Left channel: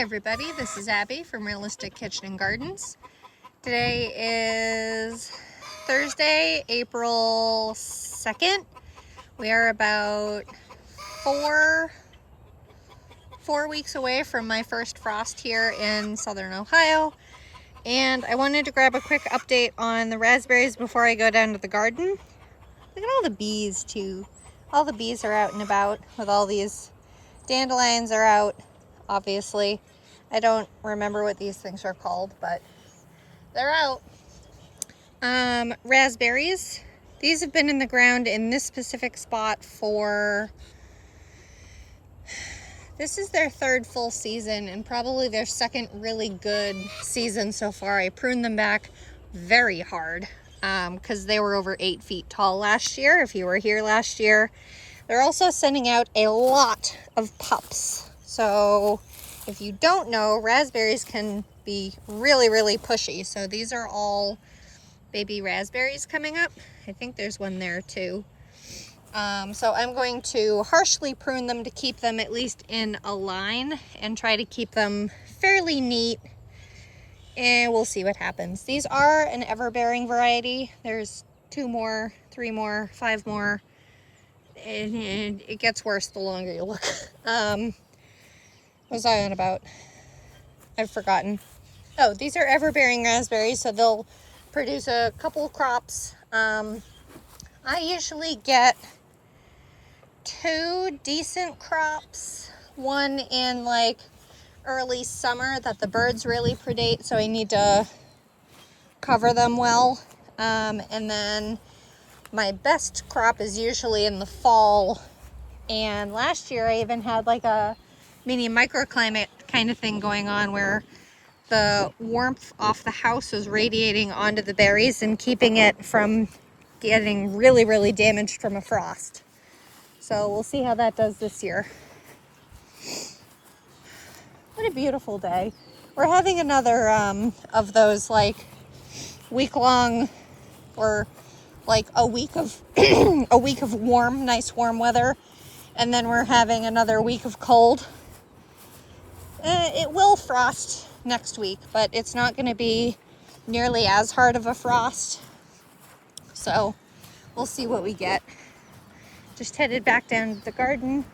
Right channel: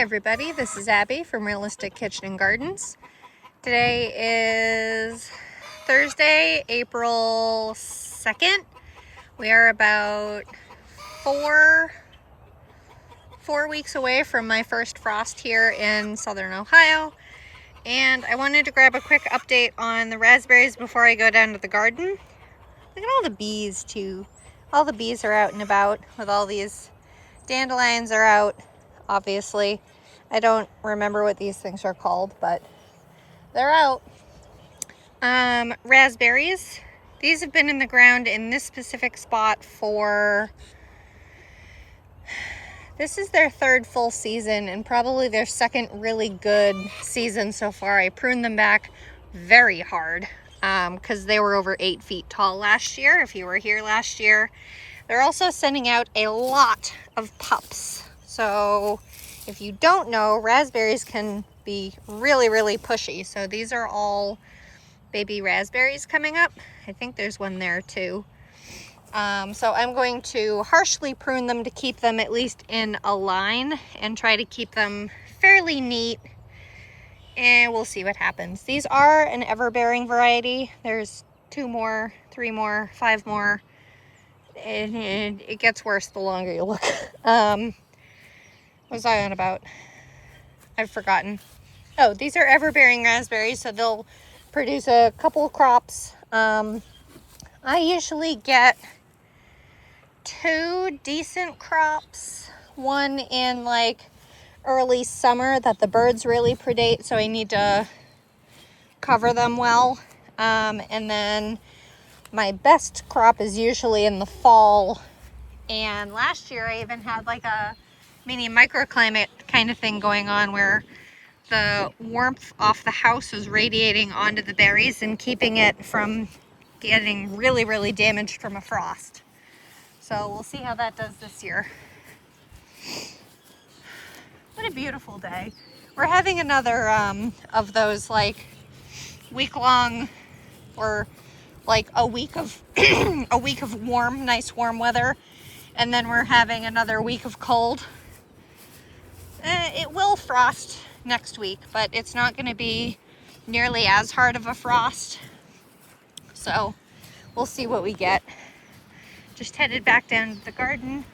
everybody, this is Abby from Realistic Kitchen and Gardens. Today is Thursday, April 2nd. We are about four weeks away from my first frost here in southern Ohio. And I wanted to grab a quick update on the raspberries before I go down to the garden. Look at all the bees too. All the bees are out and about with all these dandelions are out, obviously. I don't remember what these things are called, but they're out. Raspberries. These have been in the ground in this specific spot for, this is their third full season and probably their second really good season so far. I pruned them back very hard because they were over 8 feet tall last year, if you were here last year. They're also sending out a lot of pups. So if you don't know, raspberries can be really pushy. So these are all baby raspberries coming up. I think there's one there too. So I'm going to harshly prune them to keep them at least in a line and try to keep them fairly neat. And we'll see what happens. These are an ever-bearing variety. There's 2 more, 3 more, 5 more. And it gets worse the longer you look. What was I on about? I've forgotten. Oh, these are ever-bearing raspberries, so they'll produce a couple crops. I usually get 2 decent crops. One in like early summer that the birds really predate, so I need to cover them well. And then my best crop is usually in the fall. And last year I even had like a mini microclimate kind of thing going on where the warmth off the house was radiating onto the berries and keeping it from getting really damaged from a frost. So we'll see how that does this year. What a beautiful day. We're having another of those like week-long or like a week of a week of warm, nice warm weather, and then we're having another week of cold. It will frost next week, but it's not going to be nearly as hard of a frost. So we'll see what we get. Just headed back down to the garden.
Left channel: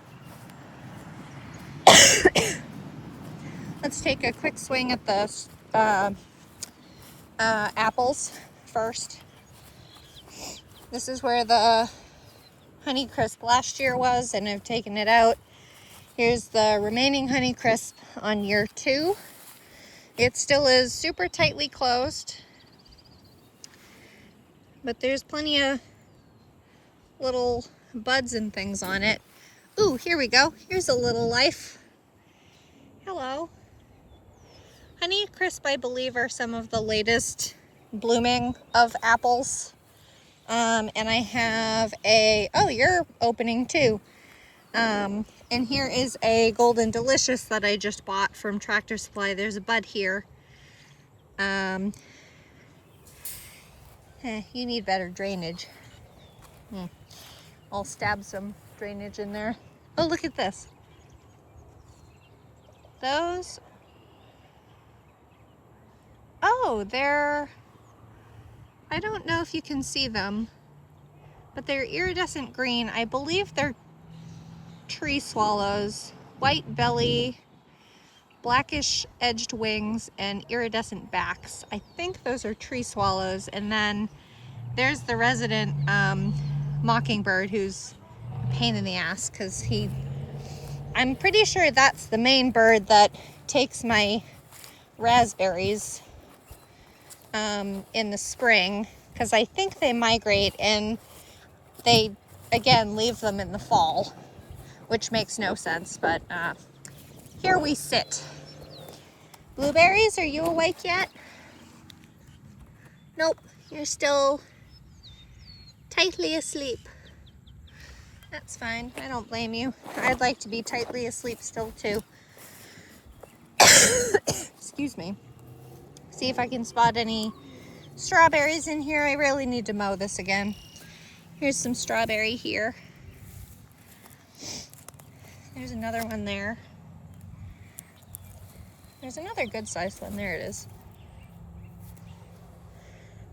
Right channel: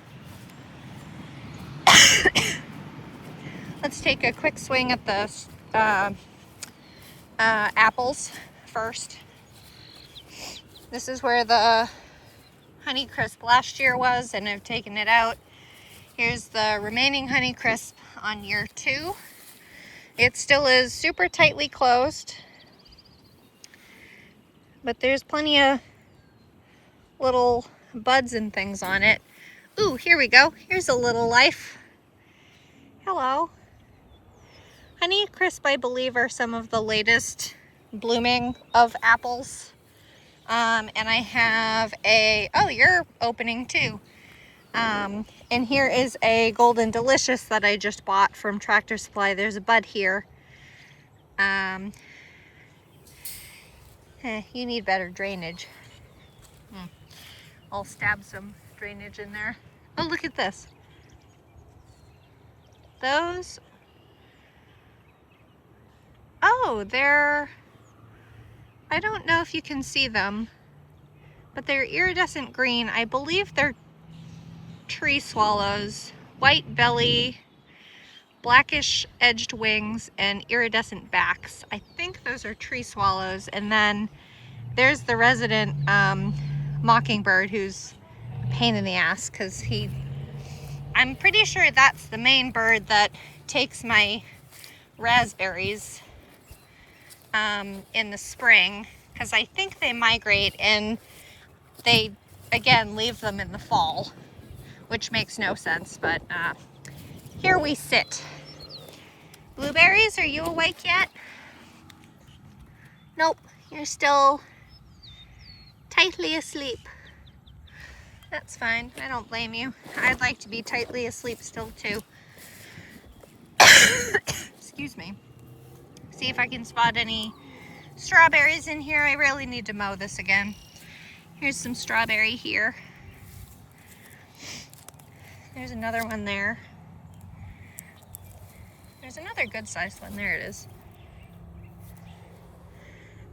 Let's take a quick swing at the apples first. This is where the Honeycrisp last year was, and I've taken it out. Here's the remaining Honeycrisp on year 2. It still is super tightly closed, but there's plenty of little buds and things on it. Ooh, here we go. Here's a little life. Hello. Honeycrisp, I believe, are some of the latest blooming of apples. And I have a, oh, you're opening too. And here is a Golden Delicious that I just bought from Tractor Supply. There's a bud here. You need better drainage. I'll stab some drainage in there. Oh, look at this. Those, oh, they're, I don't know if you can see them, but they're iridescent green. I believe they're tree swallows, white belly, blackish edged wings, and iridescent backs. I think those are tree swallows. And then there's the resident mockingbird, who's a pain in the ass because I'm pretty sure that's the main bird that takes my raspberries in the spring, because I think they migrate and they again leave them in the fall, which makes no sense, but here we sit. Blueberries, are you awake yet? Nope, you're still tightly asleep. That's fine, I don't blame you. I'd like to be tightly asleep still too. Excuse me. See if I can spot any strawberries in here. I really need to mow this again. Here's some strawberry here. There's another one there. There's another good sized one. There it is.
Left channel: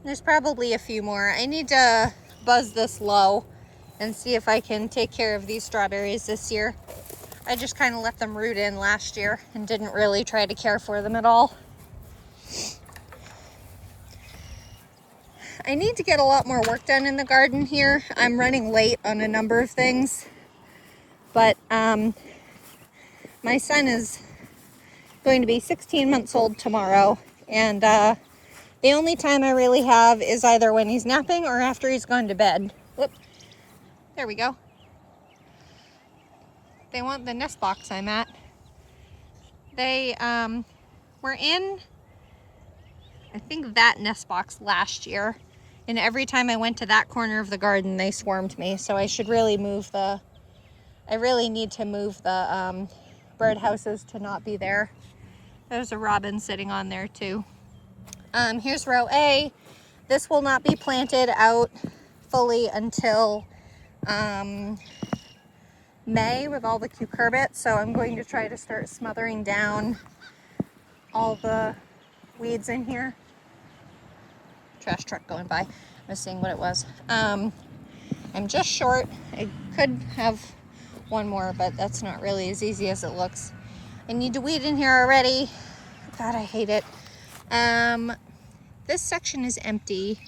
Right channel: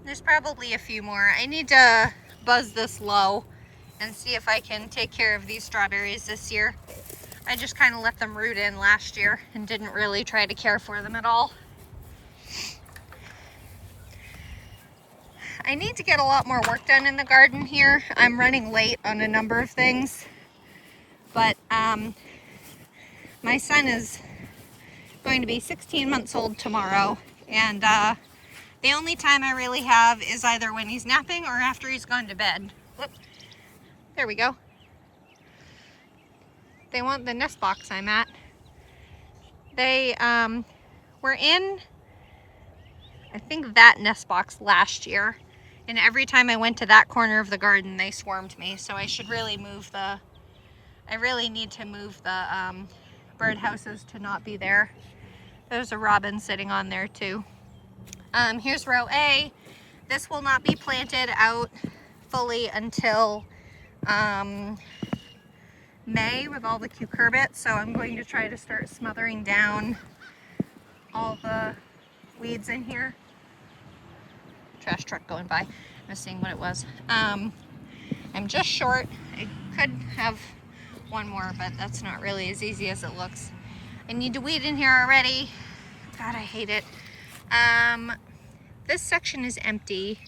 There's probably a few more. I need to buzz this low and see if I can take care of these strawberries this year. I just kind of let them root in last year and didn't really try to care for them at all. I need to get a lot more work done in the garden here. I'm running late on a number of things, but my son is going to be 16 months old tomorrow, and the only time I really have is either when he's napping or after he's gone to bed. Whoop. There we go. They want the nest box I'm at. They were in, I think, that nest box last year. And every time I went to that corner of the garden, they swarmed me. So I should really move the, I really need to move the bird houses to not be there. There's a robin sitting on there too. Here's row A. This will not be planted out fully until May with all the cucurbits. So I'm going to try to start smothering down all the weeds in here. Trash truck going by. I was seeing what it was. I'm just short. I could have one more, but that's not really as easy as it looks. I need to weed in here already. God, I hate it. This section is empty,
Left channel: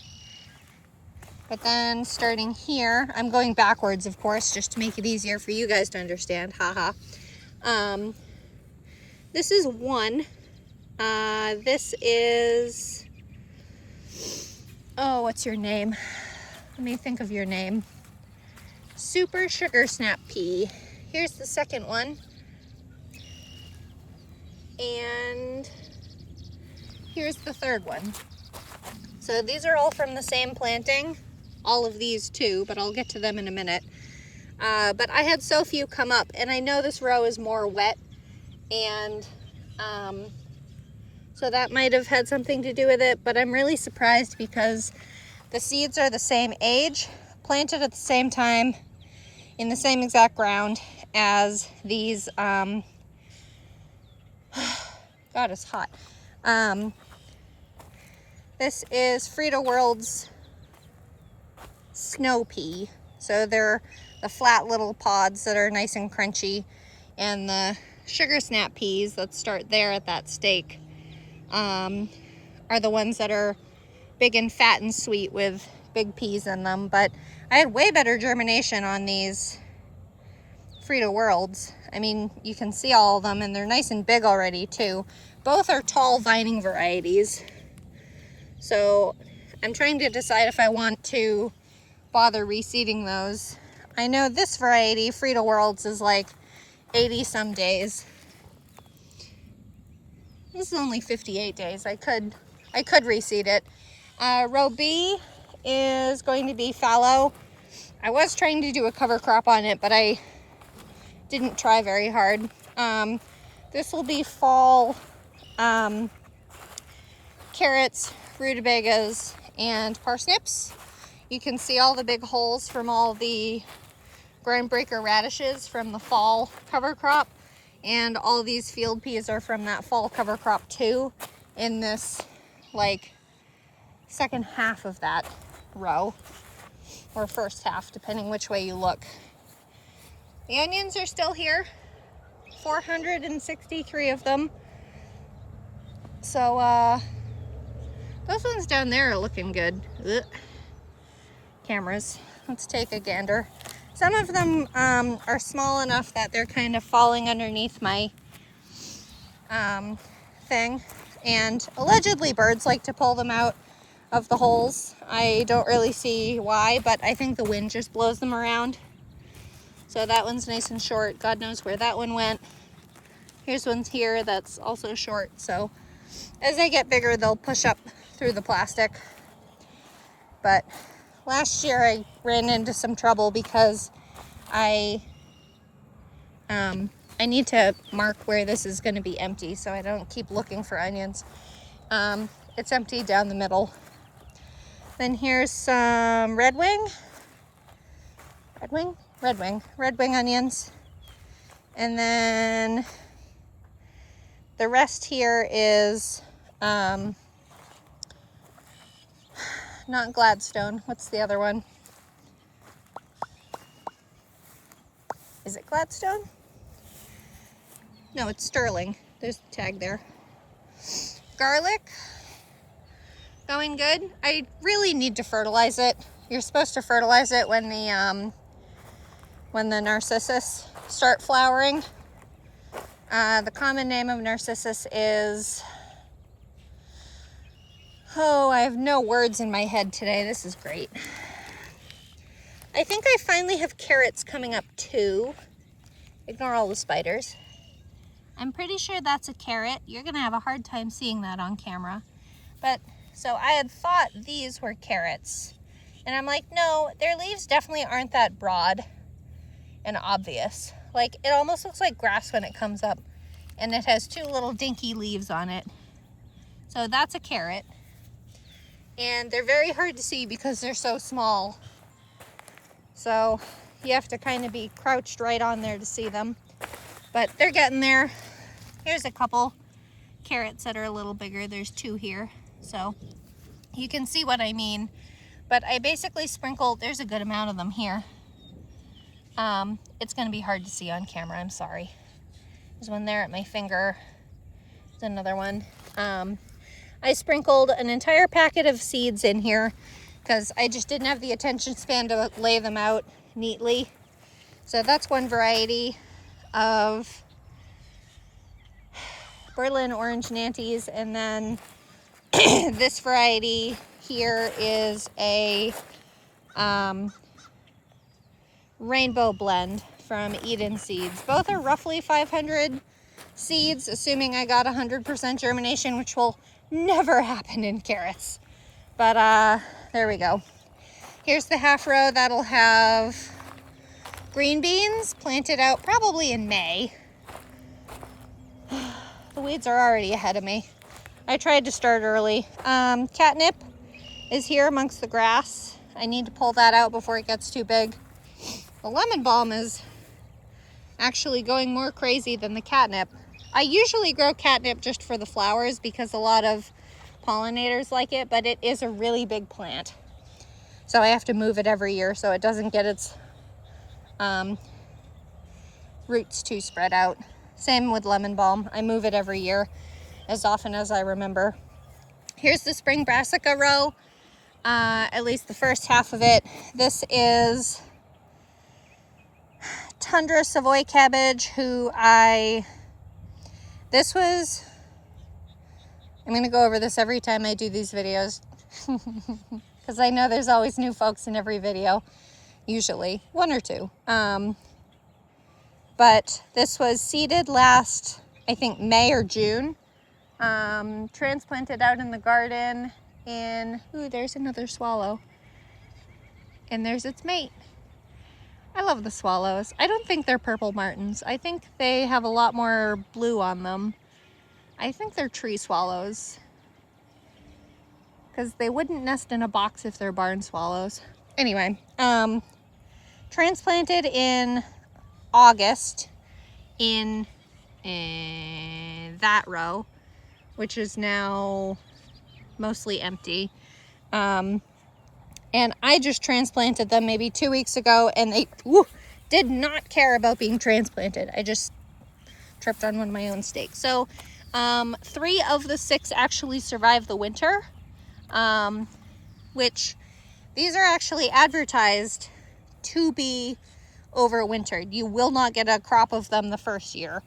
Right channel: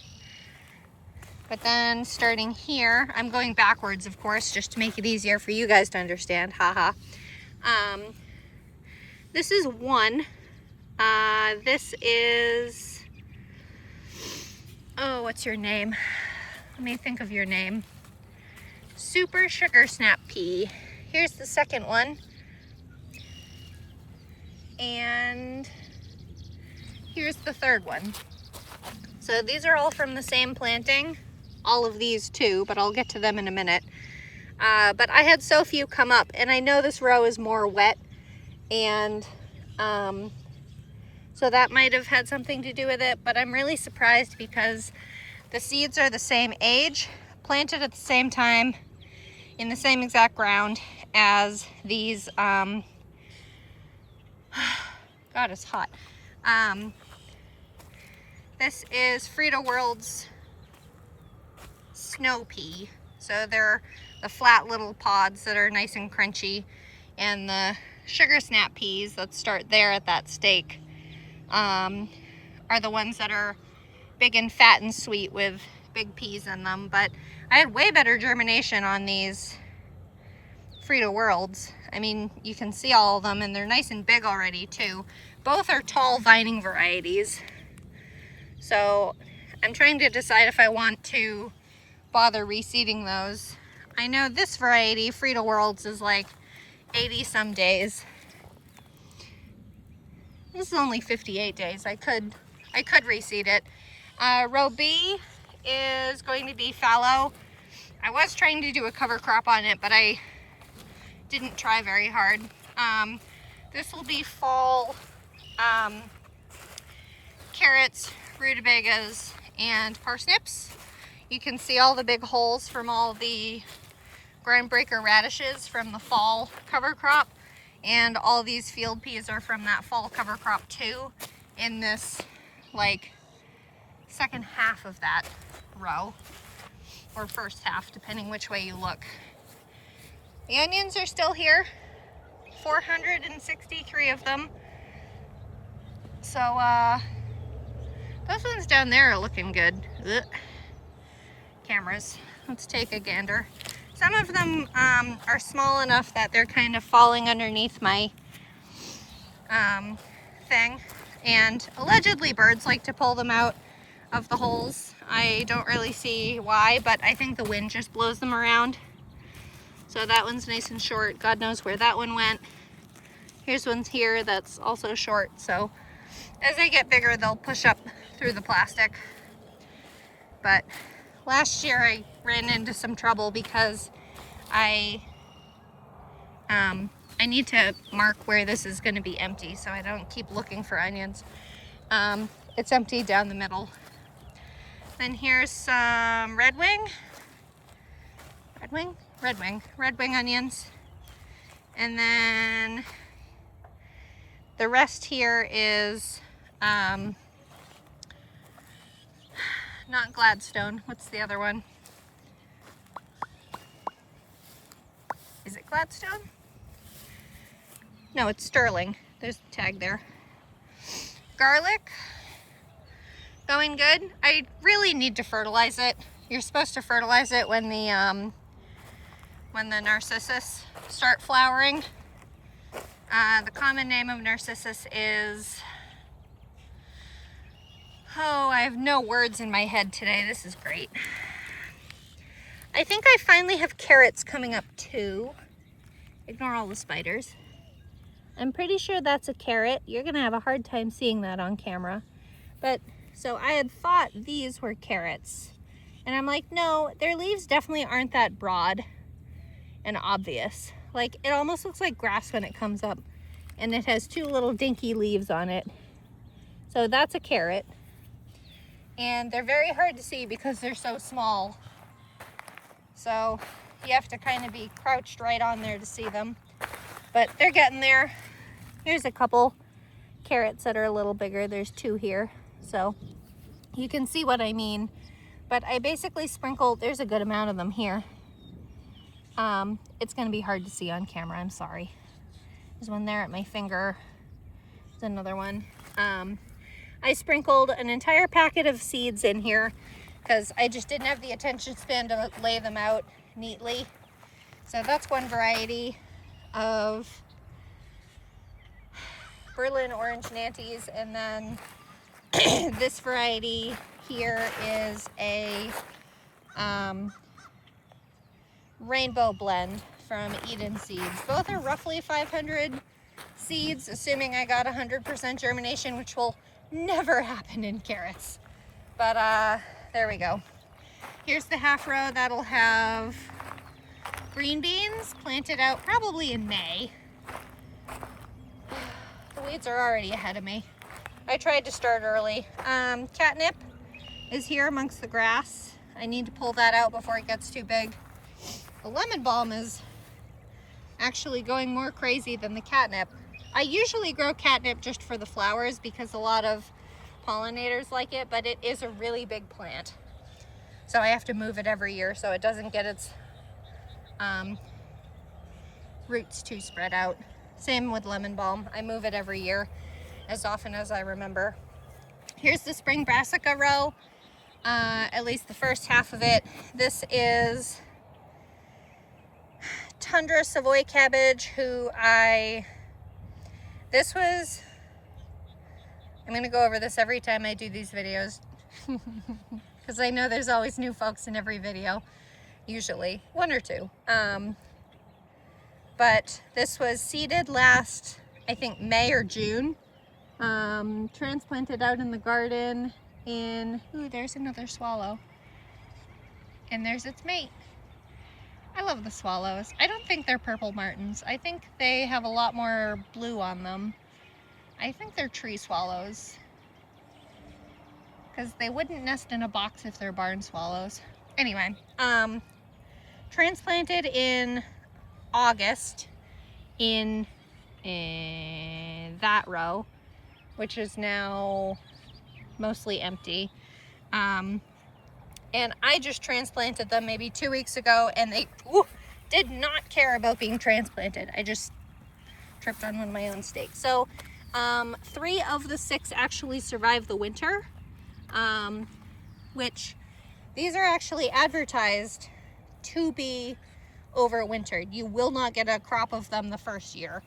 but then starting here, I'm going backwards, of course, just to make it easier for you guys to understand. Haha. This is one. This is, oh, what's your name? Let me think of your name. Super Sugar Snap Pea. Here's the second one. And here's the third one. So these are all from the same planting. All of these too, but I'll get to them in a minute. But I had so few come up, and I know this row is more wet, and so that might have had something to do with it, but I'm really surprised because the seeds are the same age, planted at the same time, in the same exact ground as these, God, it's hot. This is Frida World's snow pea. So they're the flat little pods that are nice and crunchy, and the sugar snap peas that start there at that stake are the ones that are big and fat and sweet with big peas in them. But I had way better germination on these Frida Worlds. I mean, you can see all of them, and they're nice and big already too. Both are tall vining varieties. So I'm trying to decide if I want to bother reseeding those. I know this variety, Frida Worlds, is like 80 some days. This is only 58 days. I could reseed it. Row B is going to be fallow. I was trying to do a cover crop on it, but I didn't try very hard. This will be fall carrots, rutabagas, and parsnips. You can see all the big holes from all the groundbreaker radishes from the fall cover crop, and all these field peas are from that fall cover crop too, in this like second half of that row, or first half, depending which way you look. The onions are still here, 463 of them. So those ones down there are looking good. Ugh. Cameras. Let's take a gander. Some of them are small enough that they're kind of falling underneath my thing, and allegedly birds like to pull them out of the holes. I don't really see why, but I think the wind just blows them around. So that one's nice and short. God knows where that one went. Here's one here that's also short. So as they get bigger, they'll push up through the plastic. But last year I ran into some trouble because I need to mark where this is going to be empty so I don't keep looking for onions. It's empty down the middle. Then here's some red wing onions. And then The rest here is not Gladstone. What's the other one? Is it Gladstone? No, it's Sterling. There's the tag there. Garlic, going good. I really need to fertilize it. You're supposed to fertilize it when the narcissus start flowering. The common name of narcissus is, oh, I have no words in my head today. This is great. I think I finally have carrots coming up too. Ignore all the spiders. I'm pretty sure that's a carrot. You're gonna have a hard time seeing that on camera. But, so I had thought these were carrots. And I'm like, no, their leaves definitely aren't that broad and obvious. Like, it almost looks like grass when it comes up. And it has two little dinky leaves on it. So that's a carrot. And they're very hard to see because they're so small. So you have to kind of be crouched right on there to see them. But they're getting there. Here's a couple carrots that are a little bigger. There's two here. So you can see what I mean. But I basically sprinkled, there's a good amount of them here. It's gonna be hard to see on camera, I'm sorry. There's one there at my finger. There's another one. I sprinkled an entire packet of seeds in here because I just didn't have the attention span to lay them out neatly. So that's one variety of Berlin orange nanties, and then this variety here is a rainbow blend from Eden Seeds. Both are roughly 500 seeds, assuming I got 100% germination, which will never happen in carrots. But there we go. Here's the half row that'll have green beans planted out probably in May. The weeds are already ahead of me. I tried to start early. Catnip is here amongst the grass. I need to pull that out before it gets too big. The lemon balm is actually going more crazy than the catnip. I usually grow catnip just for the flowers because a lot of pollinators like it, but it is a really big plant. So I have to move it every year so it doesn't get its roots too spread out. Same with lemon balm. I move it every year as often as I remember. Here's the spring brassica row, at least the first half of it. This is Tundra Savoy cabbage, I'm gonna go over this every time I do these videos because I know there's always new folks in every video, usually one or two. But this was seeded last, I think, May or June. Transplanted out in the garden in, ooh, there's another swallow. And there's its mate. I love the swallows. I don't think they're purple martins. I think they have a lot more blue on them. I think they're tree swallows, because they wouldn't nest in a box if they're barn swallows. Anyway, transplanted in August in that row, which is now mostly empty. And I just transplanted them maybe 2 weeks ago, and they did not care about being transplanted. I just tripped on one of my own stakes. So 3 of the 6 actually survived the winter, which these are actually advertised to be overwintered. You will not get a crop of them the first year.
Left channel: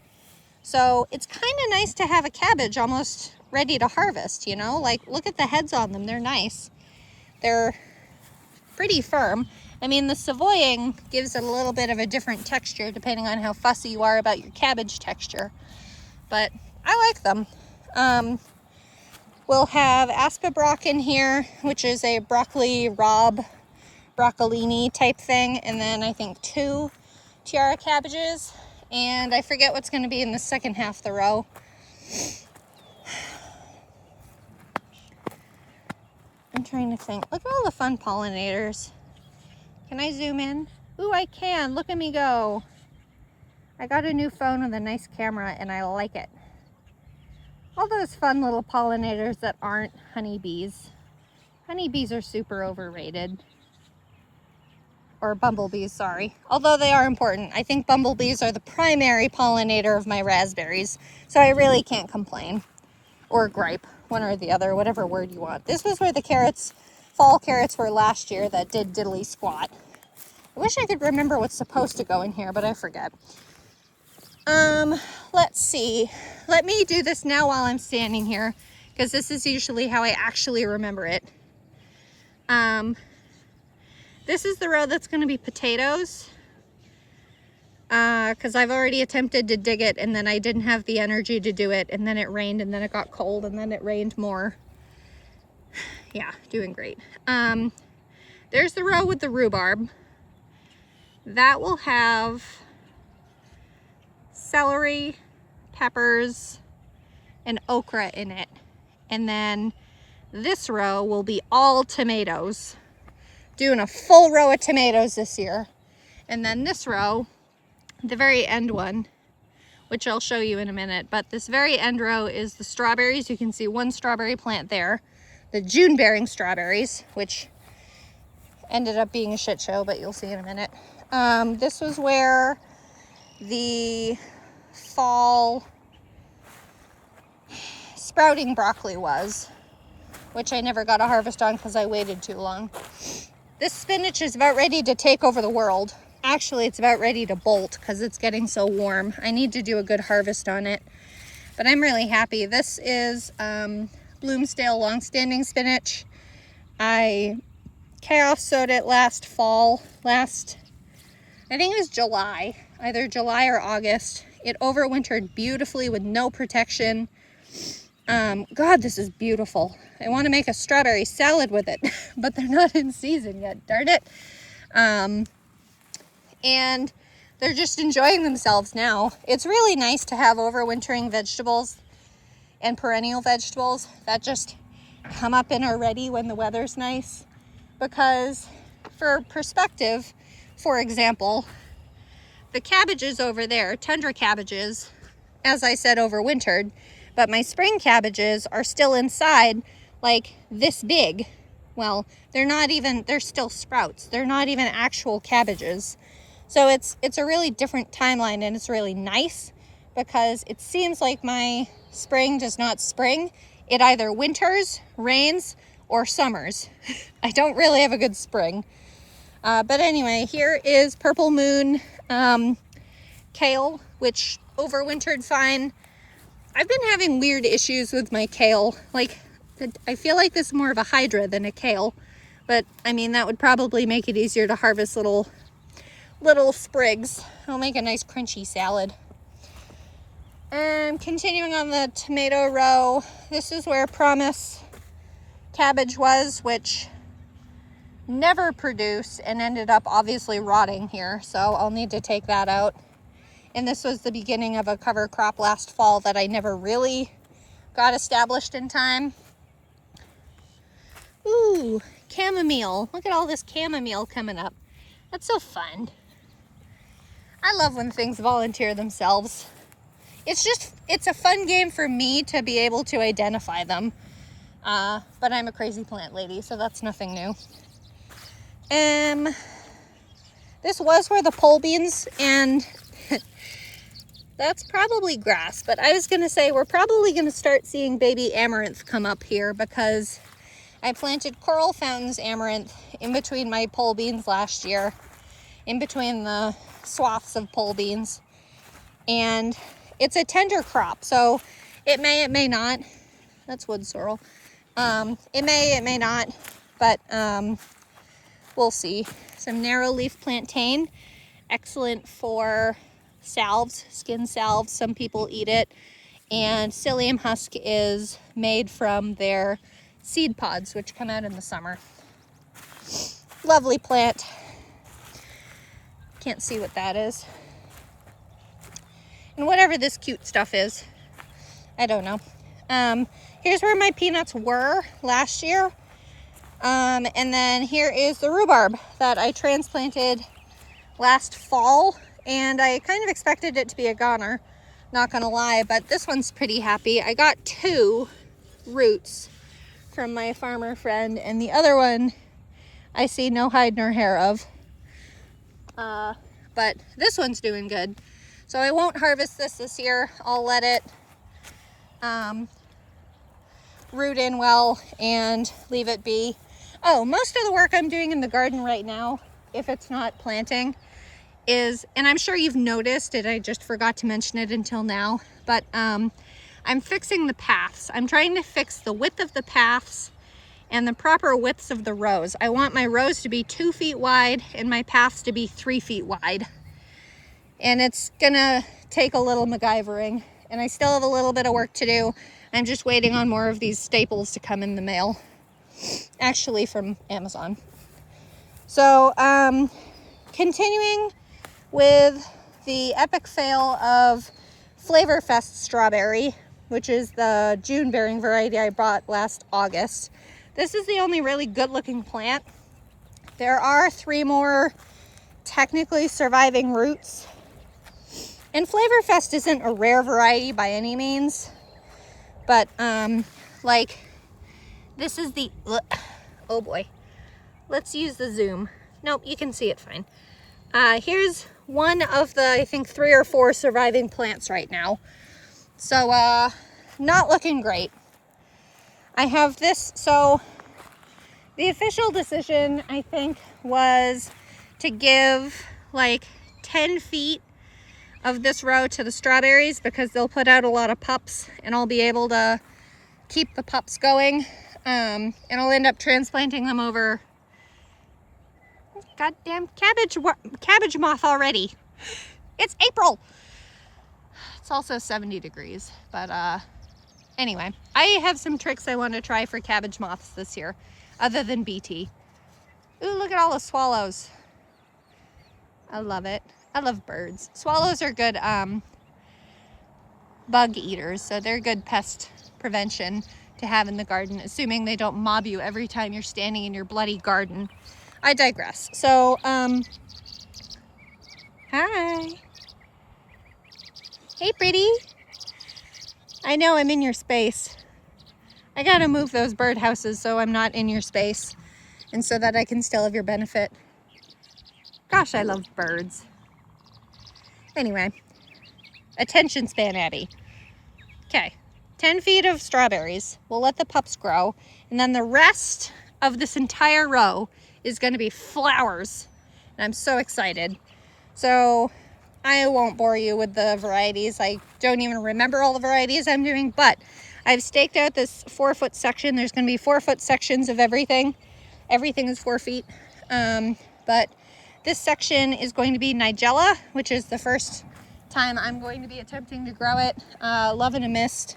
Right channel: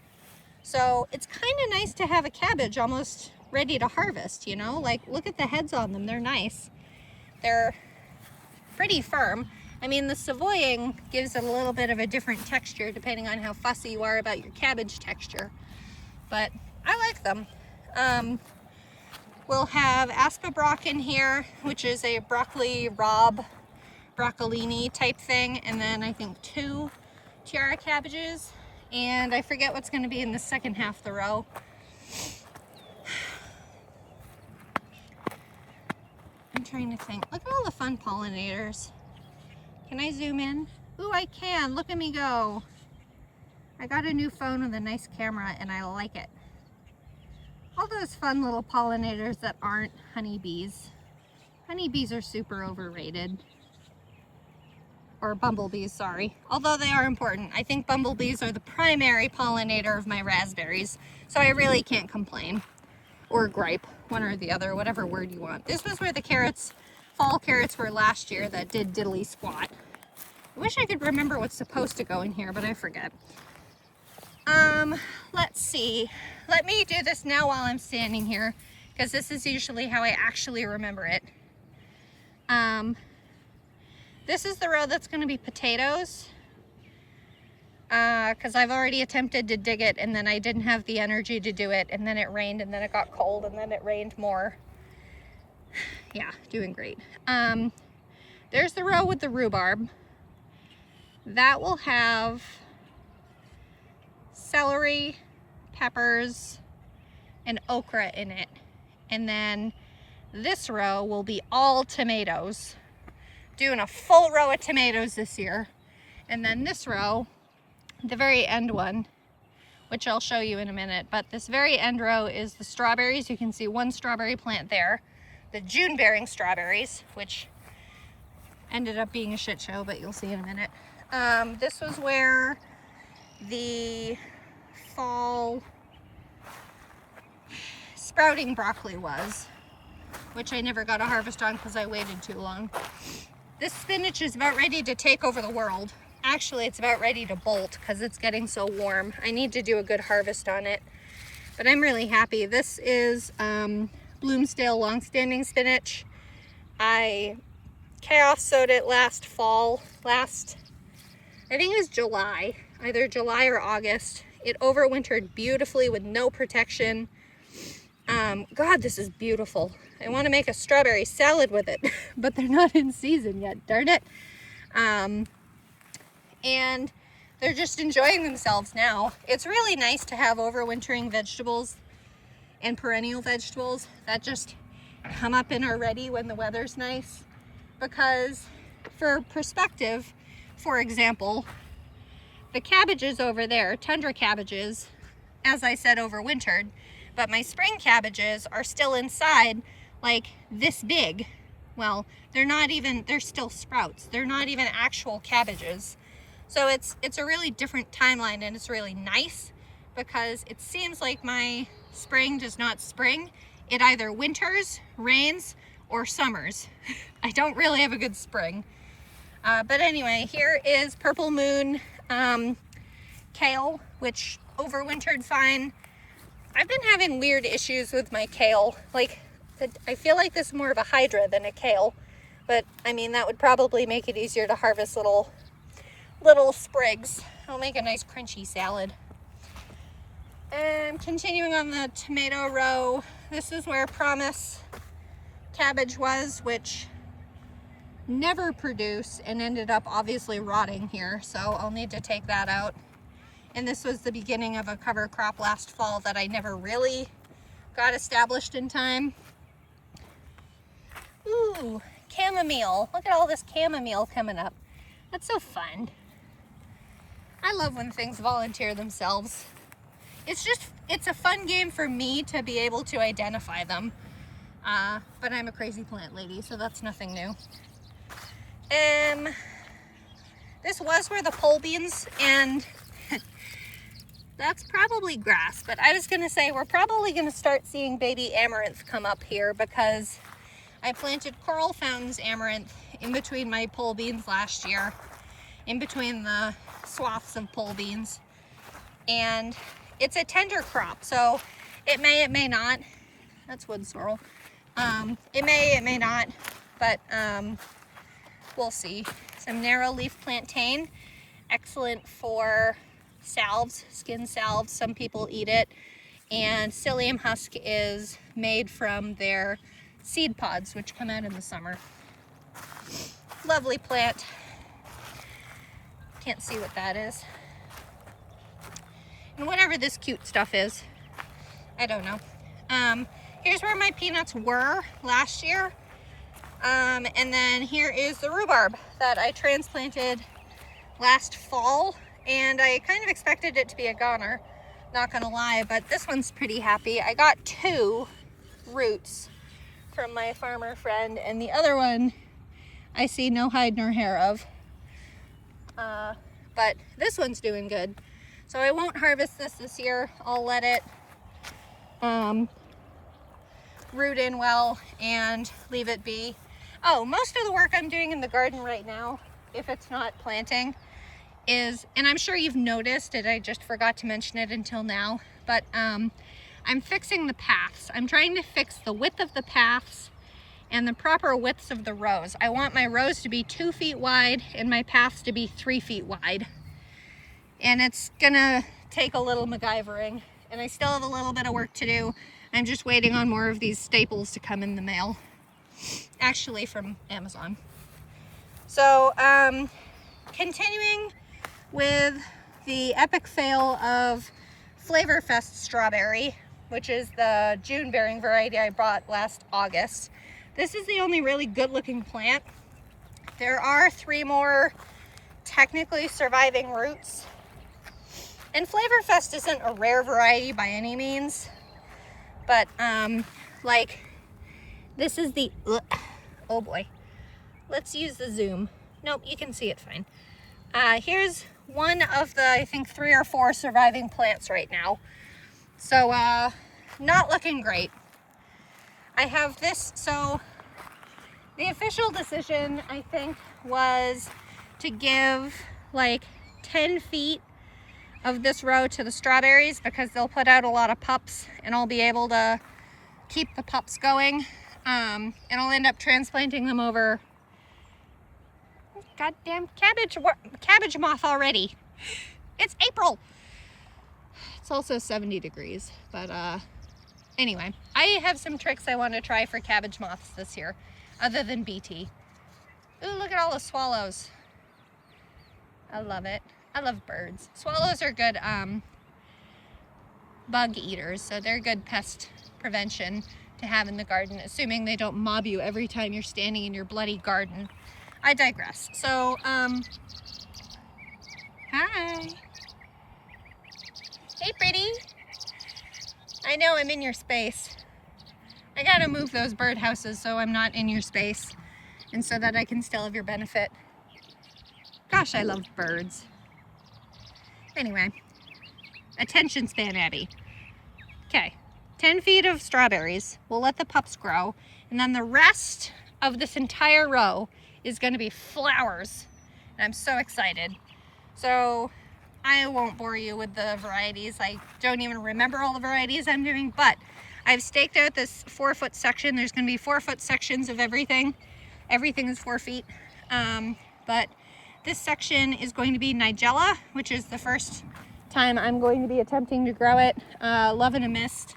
So it's kind of nice to have a cabbage almost ready to harvest, you know? Like, look at the heads on them. They're nice. They're pretty firm. I mean, the savoying gives it a little bit of a different texture depending on how fussy you are about your cabbage texture. But I like them. We'll have aspabroc in here, which is a broccoli rabe, broccolini type thing. And then I think 2 tiara cabbages. And I forget what's going to be in the second half of the row. I'm trying to think. Look at all the fun pollinators. Can I zoom in? Ooh, I can. Look at me go. I got a new phone with a nice camera and I like it. All those fun little pollinators that aren't honeybees. Honeybees are super overrated. Or bumblebees, sorry. Although they are important. I think bumblebees are the primary pollinator of my raspberries. So I really can't complain. Or gripe, one or the other, whatever word you want. This was where the carrots, fall carrots were last year that did diddly squat. I wish I could remember what's supposed to go in here, but I forget. Let's see. Let me do this now while I'm standing here, because this is usually how I actually remember it. This is the row that's going to be potatoes, because I've already attempted to dig it, and then I didn't have the energy to do it, and then it rained, and then it got cold, and then it rained more. Yeah, doing great. There's the row with the rhubarb. That will have celery, peppers, and okra in it. And then this row will be all tomatoes. Doing a full row of tomatoes this year. And then this row, the very end one, which I'll show you in a minute, but this very end row is the strawberries. You can see one strawberry plant there. The June bearing strawberries, which ended up being a shit show, but you'll see in a minute. This was where the fall sprouting broccoli was, which I never got a harvest on because I waited too long. This spinach is about ready to take over the world. Actually, it's about ready to bolt because it's getting so warm. I need to do a good harvest on it, but I'm really happy. This is Bloomsdale longstanding spinach. I chaos sowed it last fall, I think it was July, either July or August. It overwintered beautifully with no protection. God, this is beautiful. I want to make a strawberry salad with it, but they're not in season yet, darn it. And they're just enjoying themselves now. It's really nice to have overwintering vegetables and perennial vegetables that just come up and are ready when the weather's nice. Because for perspective, for example, the cabbages over there, tundra cabbages, as I said, overwintered, but my spring cabbages are still inside like this big. Well, they're still sprouts. They're not even actual cabbages. So it's a really different timeline, and it's really nice because it seems like my spring does not spring. It either winters, rains, or summers. I don't really have a good spring. But anyway, here is Purple Moon kale, which overwintered fine. I've been having weird issues with my kale. Like, I feel like this is more of a hydra than a kale. But, I mean, that would probably make it easier to harvest little sprigs. It'll make a nice crunchy salad. And continuing on the tomato row, this is where Promise cabbage was, which never produced and ended up obviously rotting here, so I'll need to take that out. And this was the beginning of a cover crop last fall that I never really got established in time. Ooh, chamomile. Look at all this chamomile coming up. That's so fun. I love when things volunteer themselves. It's a fun game for me to be able to identify them. But I'm a crazy plant lady, so that's nothing new. This was where the pole beans, and that's probably grass, but I was gonna say we're probably gonna start seeing baby amaranth come up here because I planted coral fountains amaranth in between my pole beans last year, in between the swaths of pole beans, and it's a tender crop, so it may not. That's wood sorrel. It may not, but we'll see. Some narrow leaf plantain, excellent for salves, skin salves. Some people eat it. And psyllium husk is made from their seed pods, which come out in the summer. Lovely plant. Can't see what that is. And whatever this cute stuff is, I don't know. Here's where my peanuts were last year. And then here is the rhubarb that I transplanted last fall, and I kind of expected it to be a goner, not gonna lie, but this one's pretty happy. I got 2 roots from my farmer friend, and the other one I see no hide nor hair of. But this one's doing good. So I won't harvest this year. I'll let it root in well and leave it be. Oh, most of the work I'm doing in the garden right now, if it's not planting, is, and I'm sure you've noticed it, I just forgot to mention it until now, but I'm fixing the paths. I'm trying to fix the width of the paths and the proper widths of the rows. I want my rows to be 2 feet wide and my paths to be 3 feet wide. And it's gonna take a little MacGyvering, and I still have a little bit of work to do. I'm just waiting on more of these staples to come in the mail, actually from Amazon. So continuing with the epic fail of Flavorfest strawberry, which is the June bearing variety I bought last August. This is the only really good looking plant. There are 3 more technically surviving roots. And Flavorfest isn't a rare variety by any means, but like this is the, oh boy, let's use the zoom. Nope, you can see it fine. Here's one of the, I think 3 or 4 surviving plants right now. So not looking great. I have this, so the official decision I think was to give like 10 feet of this row to the strawberries because they'll put out a lot of pups and I'll be able to keep the pups going. And I'll end up transplanting them over. Goddamn cabbage moth already. It's April. It's also 70 degrees, but anyway, I have some tricks I want to try for cabbage moths this year, other than BT. Ooh, look at all the swallows. I love it. I love birds. Swallows are good bug eaters, so they're good pest prevention to have in the garden, assuming they don't mob you every time you're standing in your bloody garden. I digress. So, hi. Hey, pretty. I know I'm in your space. I gotta move those birdhouses so I'm not in your space and so that I can still have your benefit. Gosh, I love birds. Anyway, attention span, Abby. Okay, 10 feet of strawberries. We'll let the pups grow. And then the rest of this entire row is gonna be flowers. And I'm so excited. So I won't bore you with the varieties. I don't even remember all the varieties I'm doing, but I've staked out this 4-foot section. There's gonna be 4-foot sections of everything. Everything is 4 feet. But this section is going to be Nigella, which is the first time I'm going to be attempting to grow it. Love and a Mist,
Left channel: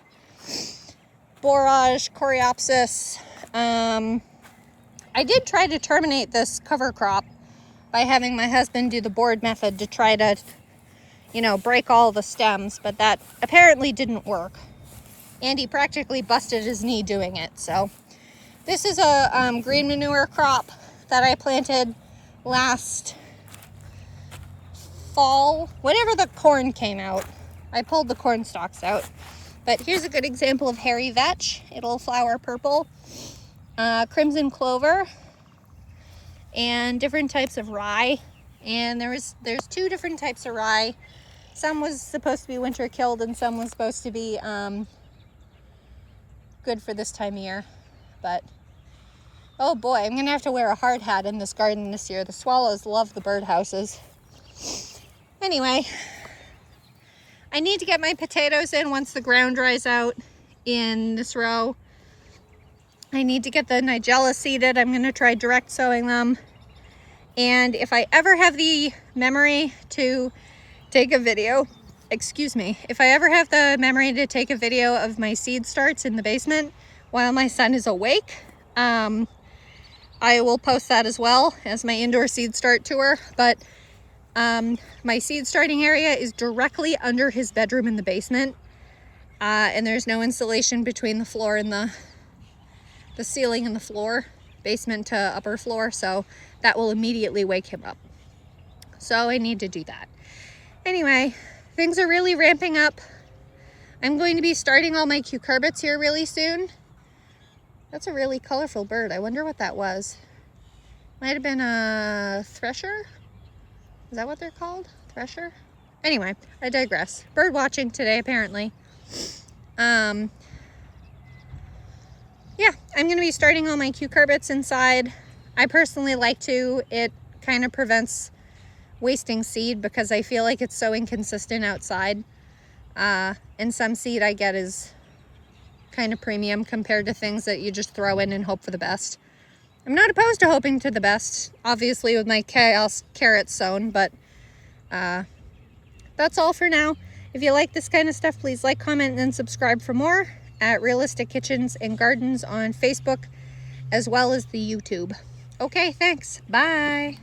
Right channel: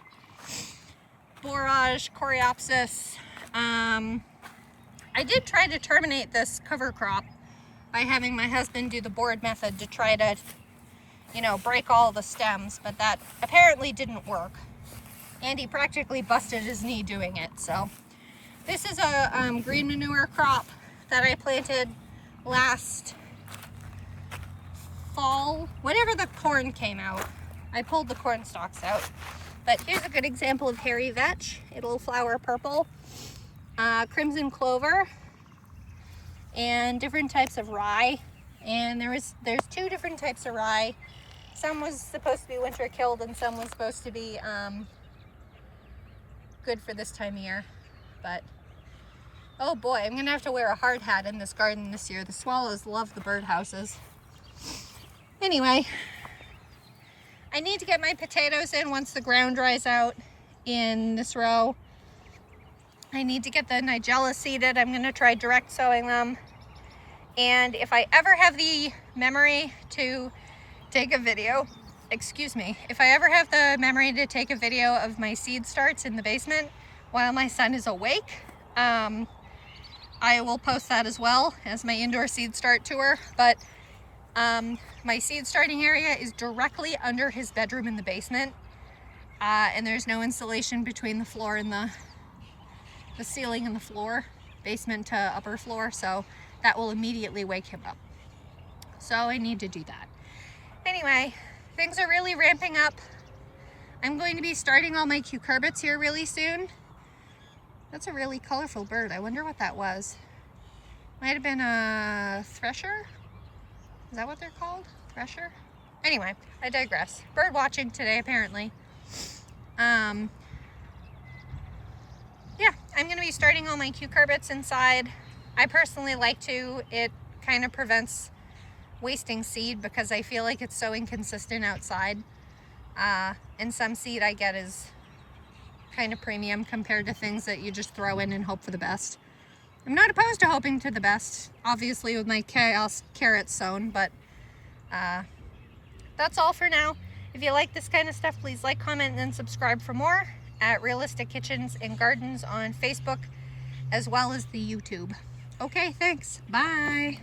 Borage, Coreopsis. I did try to terminate this cover crop by having my husband do the board method to try to, you know, break all the stems, but that apparently didn't work. And he practically busted his knee doing it. So this is a green manure crop that I planted last fall, whenever the corn came out. I pulled the corn stalks out. But here's a good example of hairy vetch. It'll flower purple, crimson clover, and different types of rye. And there's 2 different types of rye. Some was supposed to be winter killed and some was supposed to be good for this time of year. But oh boy, I'm gonna have to wear a hard hat in this garden this year. The swallows love the birdhouses. Anyway, I need to get my potatoes in once the ground dries out in this row. I need to get the Nigella seeded. I'm gonna try direct sowing them. And if I ever have the memory to take a video, if I ever have the memory to take a video of my seed starts in the basement while my son is awake, I will post that as well as my indoor seed start tour. But my seed starting area is directly under his bedroom in the basement, and there's no insulation between the floor and the ceiling and the floor, basement to upper floor, so that will immediately wake him up. So I need to do that. Anyway, things are really ramping up I'm going to be starting all my cucurbits here really soon. That's a really colorful bird. I wonder what that was. Might have been a thresher? Is that what they're called? Thresher? Anyway, I digress. Bird watching today, apparently. Yeah, I'm going to be starting all my cucurbits inside. I personally like to. It kind of prevents wasting seed because I feel like it's so inconsistent outside. And some seed I get is kind of premium compared to things that you just throw in and hope for the best. I'm not opposed to hoping to the best, obviously, with my carrots sown, but that's all for now. If you like this kind of stuff, please like, comment, and subscribe for more at Realistic Kitchens and Gardens on Facebook, as well as the YouTube. Okay, thanks. Bye.